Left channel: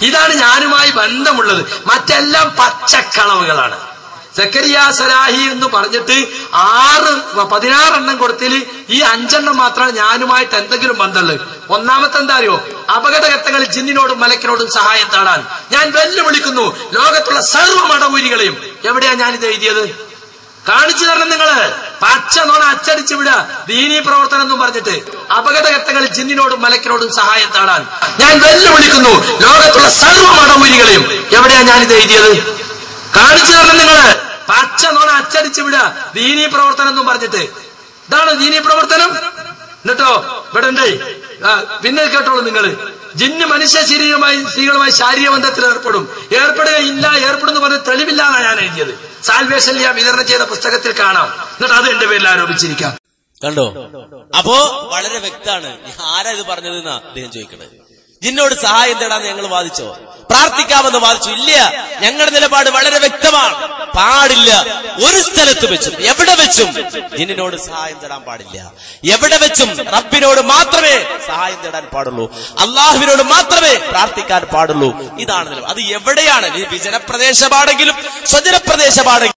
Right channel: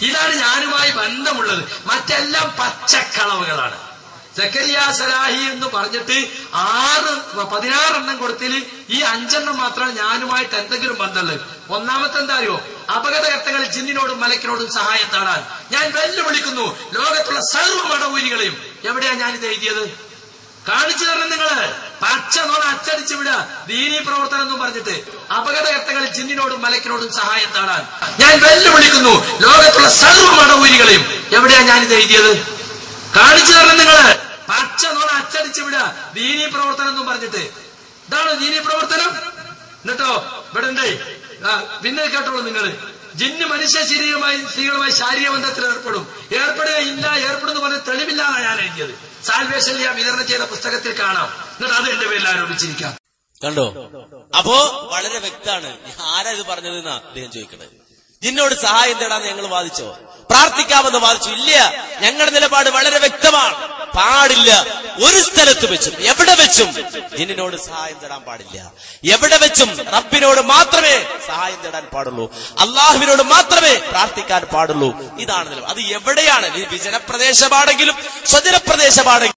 ഇതാണ് ഞാനുമായി ബന്ധമുള്ളത്. മറ്റെല്ലാം പച്ചക്കളവുകളാണ്. സക്കരിയ സലാഹി എന്ന് പറഞ്ഞിട്ട് ആറ് പതിനാറെണ്ണം കൊടുത്തിൽ ഈ അഞ്ചെണ്ണം മാത്രമാണ് ഞാനുമായിട്ട് എന്തെങ്കിലും ബന്ധമുള്ളത്. ഒന്നാമത്തെ എന്താ അറിയോ അപകടഘട്ടങ്ങളിൽ ജിന്നിനോടും മലക്കിനോടും സഹായം തേടാൻ. ഞാൻ വെല്ലുവിളിക്കുന്നു. ലോകത്തുള്ള സർവ മടവൂരികളെയും എവിടെയാ ഞാനിത് എഴുതിയത്? കാണിച്ചു തരണം നിങ്ങൾ. നോണ വിട ദീനീ പ്രവർത്തനം എന്നും പറഞ്ഞിട്ട് അപകടകത്തകൾ ജിന്നിനോടും മലക്കിനോടും സഹായം താടാൻ ഞാൻ വെല്ലുവിളിക്കുന്നു. ലോകത്തുള്ള സർവ മടവൂരികളെയും എവിടെയാ ഞാനിത് എഴുതിയത്? കാണിച്ചു തരണം നിങ്ങൾ. പച്ച നോണ അച്ചടിച്ചു വിടുക. ദീനീ പ്രവർത്തനം എന്നും പറഞ്ഞിട്ട്. ഇതാണോ ദീനീ പ്രവർത്തനം? എന്നിട്ടോ? ഇവിടെ പിന്നെ കേട്ടോളൂ നിങ്ങൾ. ജിന്ന് മനുഷ്യ ശരീരമായി സ്ത്രീകളുമായി ശാരീരിക ബന്ധത്തിൽ ഏർപ്പെടും. ഏർപ്പെടുകയില്ല ഏർപ്പെടുന്നു പറഞ്ഞ തെളിവില്ലാന്നാണ് ഞാൻ എഴുതിയത്. സാൽവേഷൻ വിതരണം ചെയ്ത പുസ്തകത്തിൽ കാണാം. എന്നിട്ട് അത് എന്റെ പേരിൽ ആരോപിച്ചിരിക്കാം. കണ്ടോ? അപ്പോ വളരെ വ്യക്തമാണ്. ആരാ ഇത് പറഞ്ഞതെന്നാ അദ്ദേഹം ചോദിക്കുന്നത്. നിന്നോട് സഹായം തേടാൻ ഞങ്ങൾ വാദിച്ചോ? പ്രാർത്ഥിക്കാമെന്ന് വാദിച്ചു? ഇല്ല. ഞങ്ങളുടെ നിലപാട് വളരെ വ്യക്തമാണ്. പാടില്ല. ഒരു സ്ഥലത്ത് വെച്ചും എവിടെ വെച്ചും നിന്നോട് സഹായം തേടാൻ പാടില്ല. എവിടെ വെച്ചും റബ്ബിനോട് മാത്രമേ സഹായം തേടാൻ പാടുള്ളൂ. അള്ളാഹുവിനോട് മാത്രമേ പ്രാർത്ഥിക്കാൻ പാടുള്ളൂ. ഇതാണ് അത് എവിടെയാണ്? ജനപ്രദേശമാണെങ്കിലും വിജനപ്രദേശമാണെങ്കിലും സ്വജനപ്രദേശമാണെങ്കിലും